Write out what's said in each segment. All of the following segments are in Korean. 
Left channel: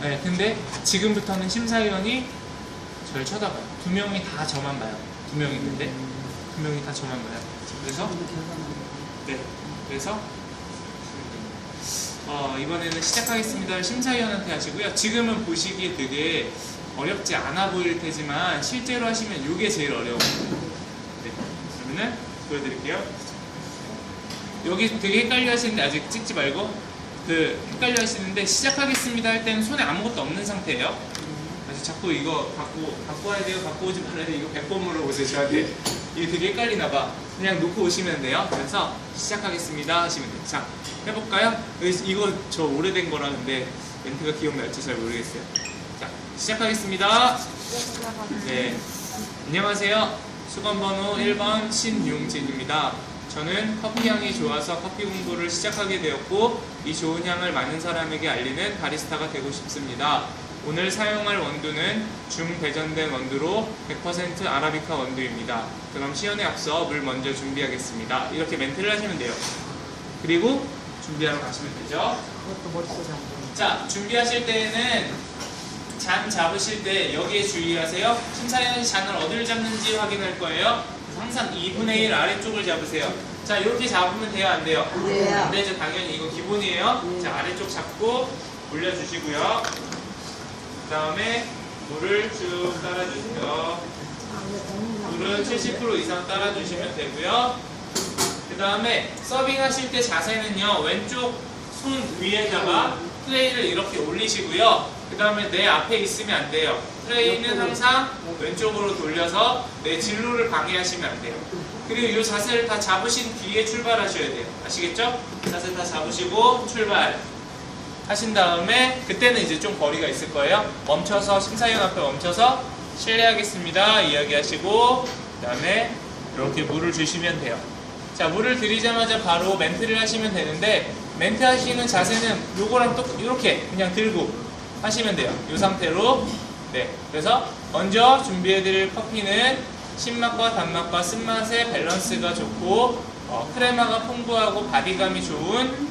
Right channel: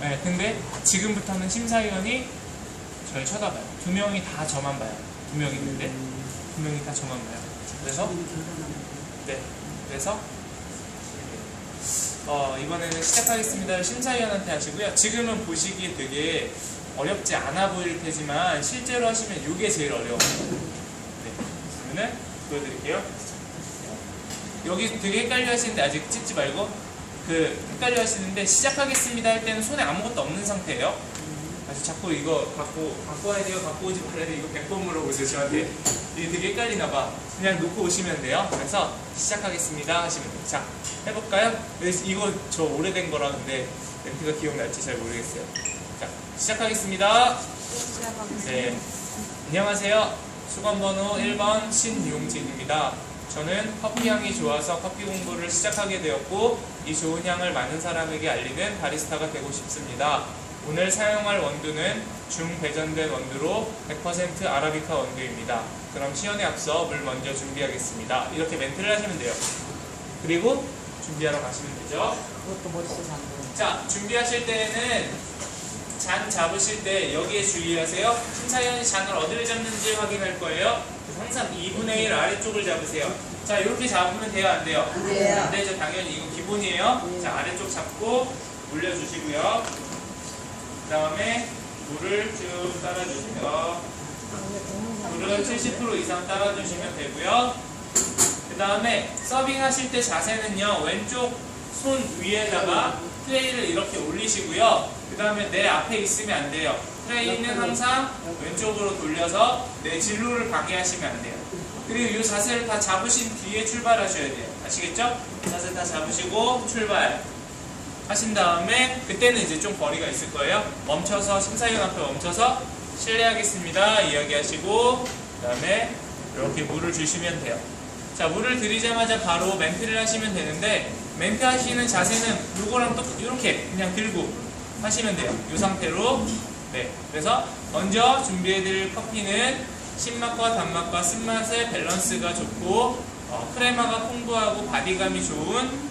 네, 근데 지금부터는 심사위원이 저를 쳐다봐요. 두 명이 다 저만 봐요. 두 명이 있는데 두 명이 다 저만 봐요. 그래서 네, 그래서 이번에는 시작하겠습니다. 심사위원한테 하시고요. 지금은 보시기에 되게 어렵지 않아 보일 테지만 실제로 하시면 이게 제일 어려워요. 네, 그러면 보여드릴게요. 여기 되게 헷갈려 하시는데 아직 찍지 말고 헷갈려 하시는데 시작하겠습니다 할 때는 손에 아무것도 없는 상태예요. 그래서 자꾸 이거 갖고 와야 돼요, 갖고 오지 말아야 돼요, 이거 100번 물어보세요 저한테. 이게 되게 헷갈리나 봐. 그냥 놓고 오시면 돼요. 그래서 시작하겠습니다 하시면 돼요. 자, 해볼까요? 이거 저 오래된 거라 근데 멘트가 기억날지 잘 모르겠어요. 자, 시작하겠습니다. 네, 안녕하세요. 수건번호 1번 신용진입니다. 저는 커피 향이 좋아서 커피 공부를 시작하게 되었고 이 좋은 향을 많은 사람에게 알리는 바리스타가 되고 싶습니다. 오늘 사용할 원두는 중배전된 원두로 100% 아라비카 원두입니다. 그럼 시연에 앞서 물 먼저 준비하겠습니다. 이렇게 멘트를 하시면 돼요. 그리고 준비하러 가시면 되죠. 그것도 머릿속에 안 들어. 자, 준비하실 때는 잔 잡으실 때 여기에 주의하세요. 심사위원이 잔을 어디를 잡는지 확인할 거예요. 그래서 항상 2분의 1 아래쪽을 잡으세요. 자, 이렇게 잡으면 돼요, 안 돼요? 네. 안 되죠, 당연히 이거 기본이에요. 자, 아래쪽 잡고 올려주시고요. 그 다음에 물을 쭉 따라주세요. 물은 70% 이상 따라주시면 되고요. 그 다음에 서빙 하실 때 자세는요, 왼쪽 손 위에다가 트레이를 이렇게 올리시고요. 그 다음에 내 앞에 있으면 안 돼요. 트레이는 항상 왼쪽으로 돌려서 내 진로를 방해하시면 안 돼요. 그리고 이 자세를 다 잡으신 뒤에 출발하셔야 돼요. 아시겠죠? 자세 다 잡으시고 출발 하신 다음에 그때는 이제 좀 거리가 있을 거예요. 멈춰서 심사위원 앞에 멈춰서 실례하겠습니다 이야기하시고 그 다음에 이렇게 물을 주시면 돼요. 자, 물을 드리자마자 바로 멘트를 하시면 되는데 멘트 하시는 자세는 요거랑 또 이렇게 그냥 들고 하시면 돼요. 이 상태로. 네, 그래서 먼저 준비해드릴 커피는 신맛과 단맛과 쓴맛의 밸런스가 좋고 크레마가 풍부하고 바디감이 좋은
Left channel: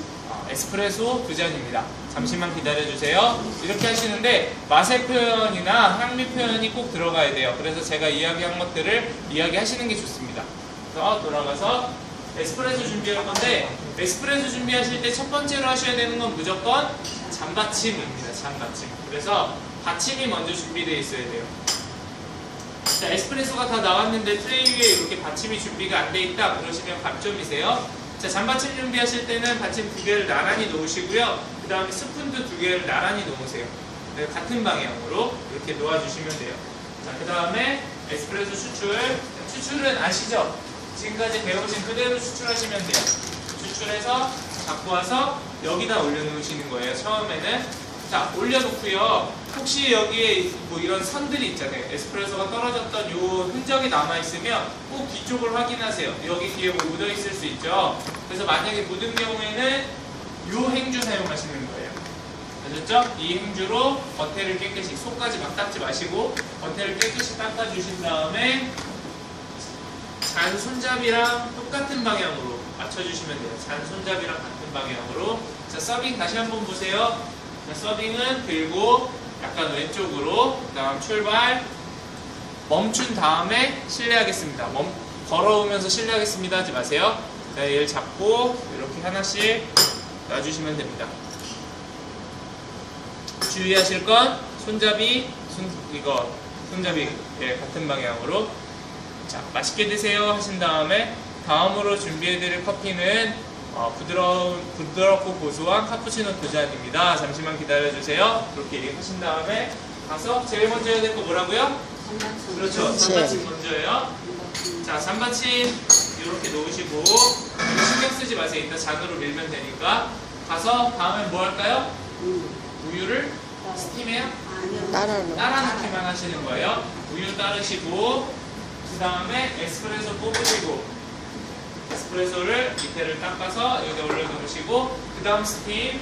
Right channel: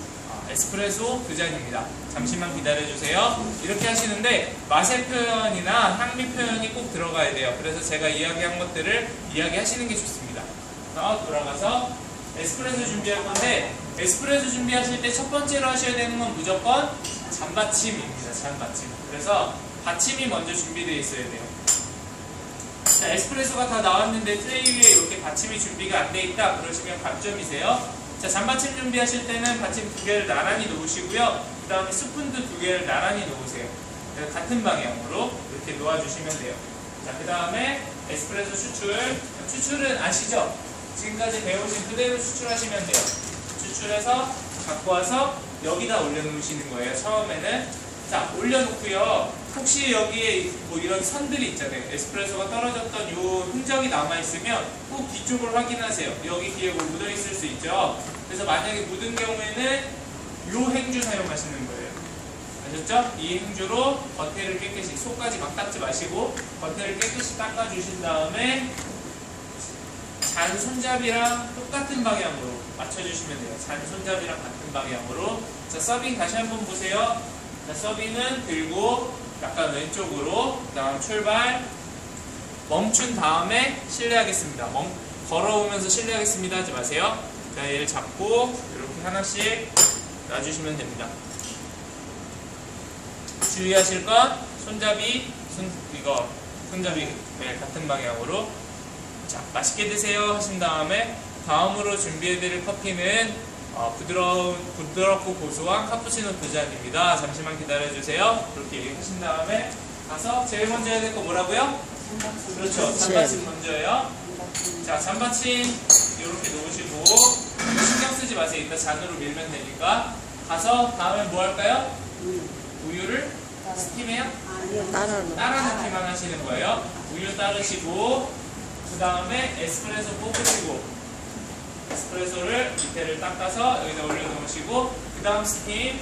에스프레소 2잔입니다. 잠시만 기다려주세요. 이렇게 하시는데 맛의 표현이나 향미 표현이 꼭 들어가야 돼요. 그래서 제가 이야기한 것들을 이야기하시는 게 좋습니다. 그래서 돌아가서 에스프레소 준비할 건데 에스프레소 준비하실 때 첫 번째로 하셔야 되는 건 무조건 잔받침입니다. 잔받침. 그래서 받침이 먼저 준비되어 있어야 돼요. 자, 에스프레소가 다 나왔는데 트레이 위에 이렇게 받침이 준비가 안 돼 있다 그러시면 감점이세요. 자, 잔받침 준비하실 때는 받침 2개를 나란히 놓으시고요. 그 다음에 스푼도 2개를 나란히 놓으세요. 네, 같은 방향으로 이렇게 놓아주시면 돼요. 자, 그 다음에 에스프레소 추출. 추출은 아시죠? 지금까지 배우신 그대로 추출하시면 돼요. 추출해서 갖고 와서 여기다 올려놓으시는 거예요. 처음에는. 자, 올려놓고요. 혹시 여기에 뭐 이런 선들이 있잖아요. 에스프레소가 떨어졌던 요 흔적이 남아있으면 꼭 뒤쪽을 확인하세요. 여기 뒤에 뭐 묻어있을 수 있죠. 그래서 만약에 묻은 경우에는 요 행주 사용하시는 거예요. 아셨죠? 이 행주로 겉에를 깨끗이, 속까지 막 닦지 마시고 겉에를 깨끗이 닦아주신 다음에 잔 손잡이랑 똑같은 방향으로 맞춰주시면 돼요. 잔 손잡이랑 같은 방향으로. 자, 서빙 다시 한번 보세요. 자, 서빙은 들고 약간 왼쪽으로, 그 다음 출발, 멈춘 다음에 실례하겠습니다. 걸어오면서 실례하겠습니다 하지 마세요. 자, 얘를 잡고 이렇게 하나씩 놔주시면 됩니다. 주의하실 건 손잡이, 손잡이 네, 같은 방향으로. 자, 맛있게 드세요 하신 다음에 다음으로 준비해드릴 커피는 부드럽고 고소한 카푸치노 2잔입니다. 잠시만 기다려주세요. 이렇게 얘기하신 다음에 가서 제일 먼저 해야 될 거 뭐라고요? 그렇죠. 잔받침 먼저요. 자, 잔받침 이렇게 놓으시고 신경 쓰지 마세요. 이따 잔으로 밀면 되니까. 가서 다음에 뭐 할까요? 우유를 스팀해요? 따라 넣기만 하시는 거예요. 우유 따르시고 그 다음에 에스프레소 뽑으시고 에스프레소를 밑에를 닦아서 여기다 올려놓으시고 그 다음 스팀을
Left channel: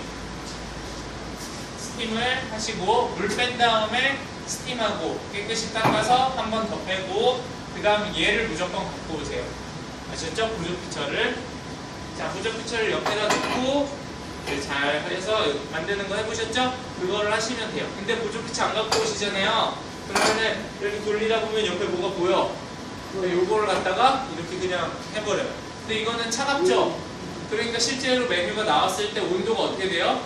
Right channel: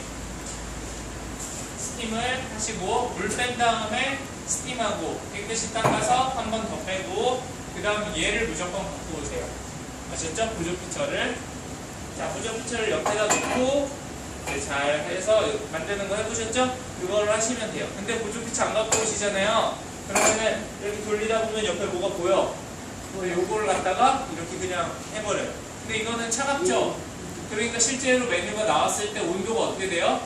하시고 물 뺀 다음에 스팀하고 깨끗이 닦아서 한 번 더 빼고 그 다음 얘를 무조건 갖고 오세요. 아셨죠? 부조피처를. 자, 부조피처를 옆에다 놓고 잘 해서 만드는 거 해보셨죠? 그거를 하시면 돼요. 근데 보조피치 안 갖고 오시잖아요. 그러면은 이렇게 돌리다 보면 옆에 뭐가 보여? 요거를 갖다가 이렇게 그냥 해버려요. 근데 이거는 차갑죠? 그러니까 실제로 메뉴가 나왔을 때 온도가 어떻게 돼요?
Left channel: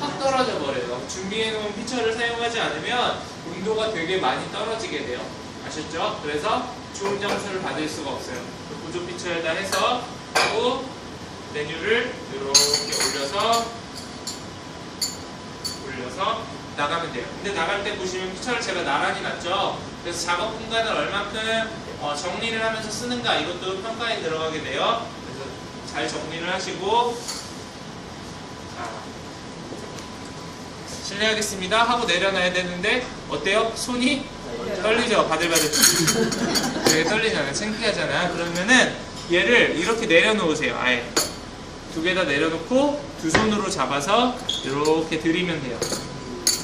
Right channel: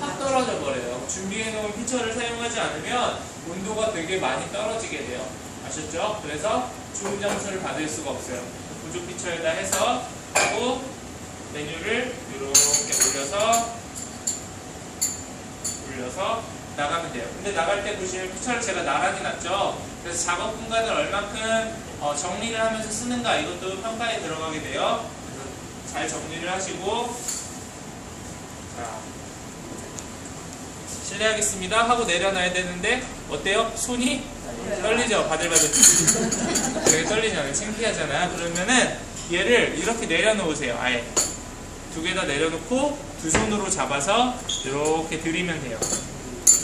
확 떨어져 버려요. 준비해놓은 피처를 사용하지 않으면 온도가 되게 많이 떨어지게 돼요. 아셨죠? 그래서 좋은 점수를 받을 수가 없어요. 보조 피처에다 해서 하고 메뉴를 이렇게 올려서 나가면 돼요. 근데 나갈 때 보시면 피처를 제가 나란히 놨죠. 그래서 작업 공간을 얼만큼 정리를 하면서 쓰는가 이것도 평가에 들어가게 돼요. 그래서 잘 정리를 하시고 자, 실례하겠습니다 하고 내려놔야 되는데 어때요? 손이 떨리죠? 바들바들 왜 떨리잖아요. 창피하잖아요. 그러면은 얘를 이렇게 내려놓으세요. 아예 두 개 다 내려놓고 두 손으로 잡아서 이렇게 들이면 돼요.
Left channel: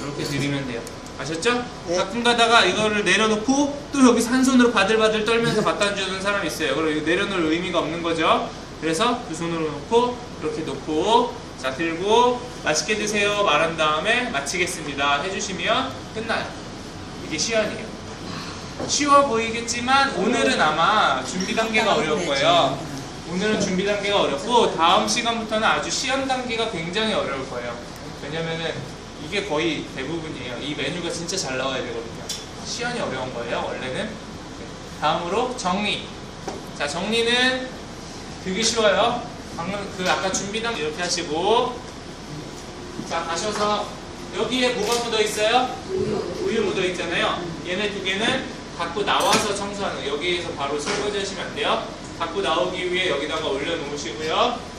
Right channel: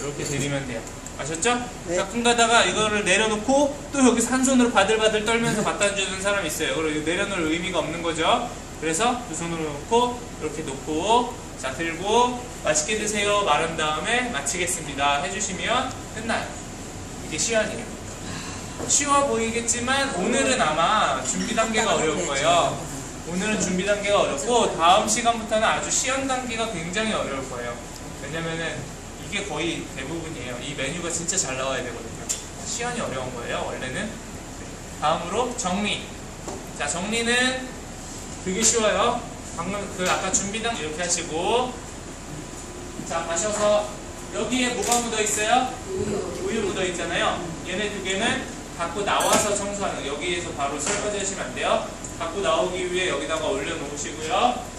이렇게 들이면 돼요. 아셨죠? 네. 가끔 가다가 이거를 내려놓고 또 여기서 한 손으로 바들바들 떨면서 갖다 주는 사람이 있어요. 그럼 이거 내려놓을 의미가 없는 거죠. 그래서 두 손으로 놓고 이렇게 놓고 자 들고 맛있게 드세요 말한 다음에 마치겠습니다 해주시면 끝나요. 이게 시연이에요. 쉬워 보이겠지만 오늘은 아마 준비 단계가 어려울 거예요. 오늘은 준비 단계가 어렵고 다음 시간부터는 아주 시연 단계가 굉장히 어려울 거예요. 왜냐면은 이게 거의 대부분이에요. 이 메뉴가 진짜 잘 나와야 되거든요. 시연이 어려운 거예요 원래는. 다음으로 정리. 자 정리는 되게 쉬워요. 방금 그 아까 준비 단계 이렇게 하시고 자 가셔서 여기에 뭐가 묻어 있어요? 우유 묻어 있잖아요. 얘네 두 개는 갖고 나와서 청소하는 거. 여기에서 바로 설거지 하시면 안 돼요. 갖고 나오기 위해 여기다가 올려놓으시고요.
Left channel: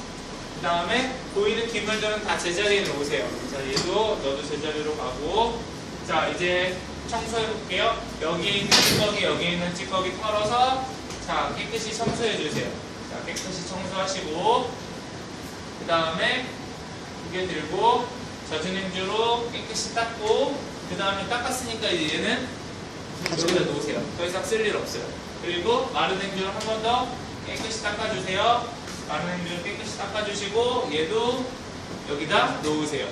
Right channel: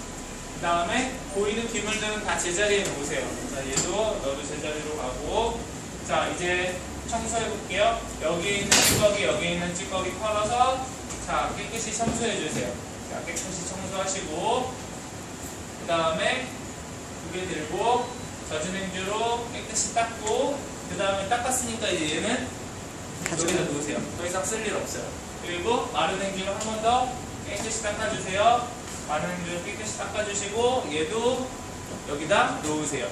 그 다음에 보이는 기물들은 다 제자리에 놓으세요. 자, 얘도 너도 제자리로 가고. 자, 이제 청소해 볼게요. 여기 있는 찌꺼기, 여기 있는 찌꺼기 털어서 자, 깨끗이 청소해 주세요. 자, 깨끗이 청소하시고. 그 다음에 두 개 들고 젖은 행주로 깨끗이 닦고. 그 다음에 닦았으니까 이제 얘는 여기다 놓으세요. 더 이상 쓸 일 없어요. 그리고 마른 행주로 한 번 더 깨끗이 닦아주세요. 마른 행주로 깨끗이 닦아주시고 얘도 여기다 놓으세요.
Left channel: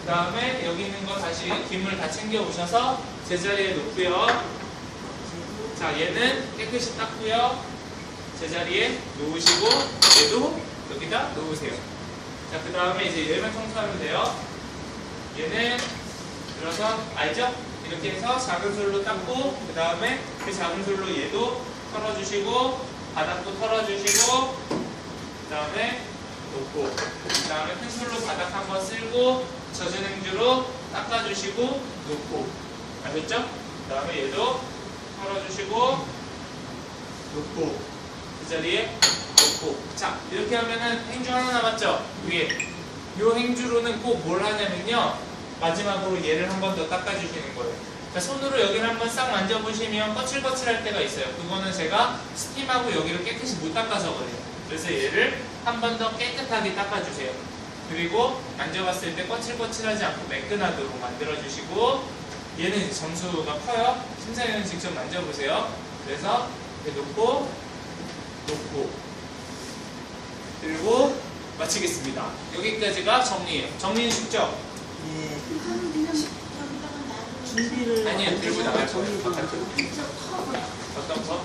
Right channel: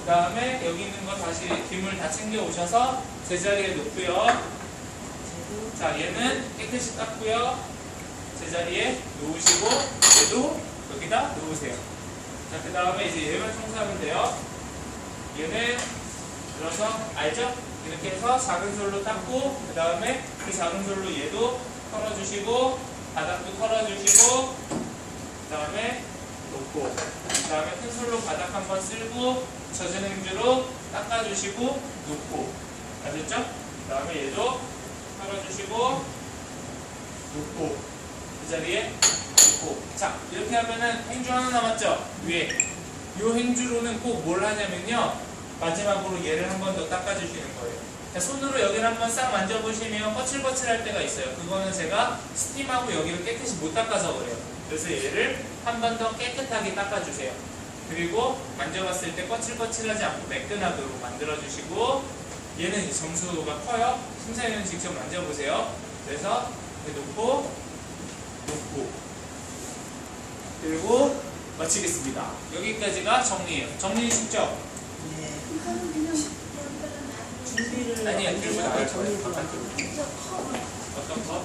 그 다음에 여기 있는 거 다시 기물 다 챙겨 오셔서 제자리에 놓고요. 자 얘는 깨끗이 닦고요. 제자리에 놓으시고 얘도 여기다 놓으세요. 자 그 다음에 이제 얘만 청소하면 돼요. 얘는 들어서 알죠? 이렇게 해서 작은 솔로 닦고 그 다음에 그 작은 솔로 얘도 털어주시고 바닥도 털어주시고 그 다음에 놓고 그 다음에 큰 솔로 바닥 한번 쓸고 젖은 행주로 닦아주시고 놓고 아셨죠? 그 다음에 얘도 털어주시고 놓고 그 자리에 놓고 자 이렇게 하면은 행주 하나 남았죠? 위에 요 행주로는 꼭 뭘 하냐면요 마지막으로 얘를 한 번 더 닦아주시는 거예요. 자, 손으로 여기를 한번 싹 만져보시면 거칠거칠할 때가 있어요. 그거는 제가 스팀하고 여기를 깨끗이 못 닦아서 그래요. 그래서 얘를 한 번 더 깨끗하게 닦아주세요. 그리고 만져봤을 때 거칠거칠하지 않고 매끈하도록 만들어주시고 얘는 이제 점수가 커요. 심사위원 직접 만져보세요. 그래서 이렇게 놓고 그리고 마치겠습니다. 여기까지가 정리예요. 정리는 쉽죠? 예. 준비를 아니요, 들고 나갈 거예요. 정리도 바깥으로. 어떤 거?